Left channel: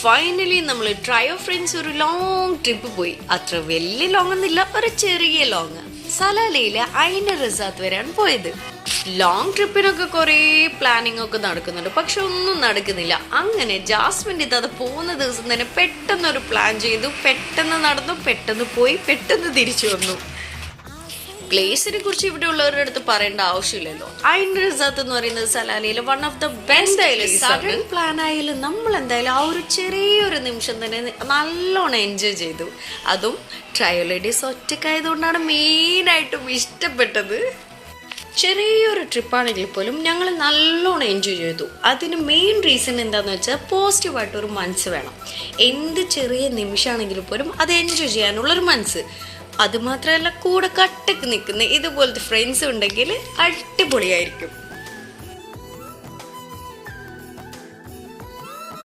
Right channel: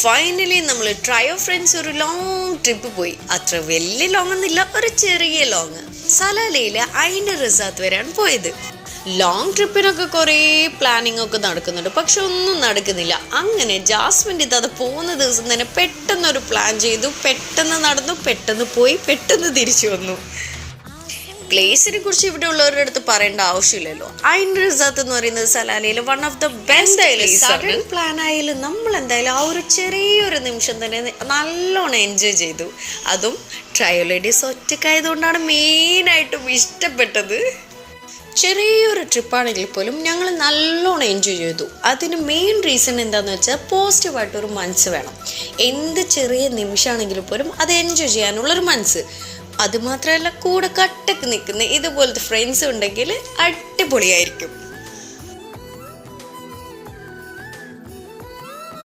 Finally നമ്മൾ trio friends ഒരു long trip പോയി. അത്ര വലിയ ലോങ് ഒന്നുമില്ല, ഒരു ചെറിയ ലോങ്. സലാലയിലെ ഐന റിസാർട്ട് വരെയാണ് പോയത്. ലോങ് ട്രിപ്പിനൊക്കെ കുറേ പ്ലാനിങ് ഒക്കെ നടക്കുന്നുണ്ട്, പക്ഷെ ഒന്നും നടക്കുന്നില്ല. അങ്ങനെ ജാസ്മിൻ്റെ അത് പോകുന്ന ദിവസം തന്നെ പെട്ടെന്നൊരു പ്ലാൻ ചെയ്തു, പെട്ടെന്ന് നടന്നു, പെട്ടെന്ന് പോയി, പെട്ടെന്ന് തിരിച്ചു വന്നു. പ്ലേസിനെ കുറിച്ച് ഇവിടെ ഉള്ളവരുടെ അടുത്ത് പറയേണ്ട ആവശ്യമില്ലല്ലോ. ഐൻ റിസാർട്ട് എന്ന് പറയുന്നത് സലാലയിലെ one of the best. Sudden plan ആയാലും നമ്മൾ എന്തായാലും ആ ഒരു ചെറിയൊരു നിമിഷം തന്നെ നല്ലോണം എൻജോയ് ചെയ്തു. അതും ട്രയോ ലേഡീസ് ഒറ്റക്കായതുകൊണ്ടാണ് മെയിനായിട്ടും ഇഷ്ടപ്പെട്ടത്. ചെറിയൊരു ട്രിപ്പാണെങ്കിൽ പോലും ഞങ്ങൾ നല്ലോണം എൻജോയ് ചെയ്തു. അതിന് മെയിൻ റീസൺ എന്താണെന്ന് വെച്ചാൽ പോസിറ്റീവായിട്ടൊരു മനസ്സ് വേണം. എന്ത് ചെറിയ നിമിഷമാണെങ്കിലും പോലും അത് എൻജോയ് ചെയ്യാനുള്ളൊരു മനസ്സ്. അതുമാത്രമല്ല, കൂടെ കട്ടക്ക് നിൽക്കുന്ന ഇതുപോലത്തെ ഫ്രണ്ട്സ് ഉണ്ടെങ്കിൽ അടിപൊളിയായിരിക്കും.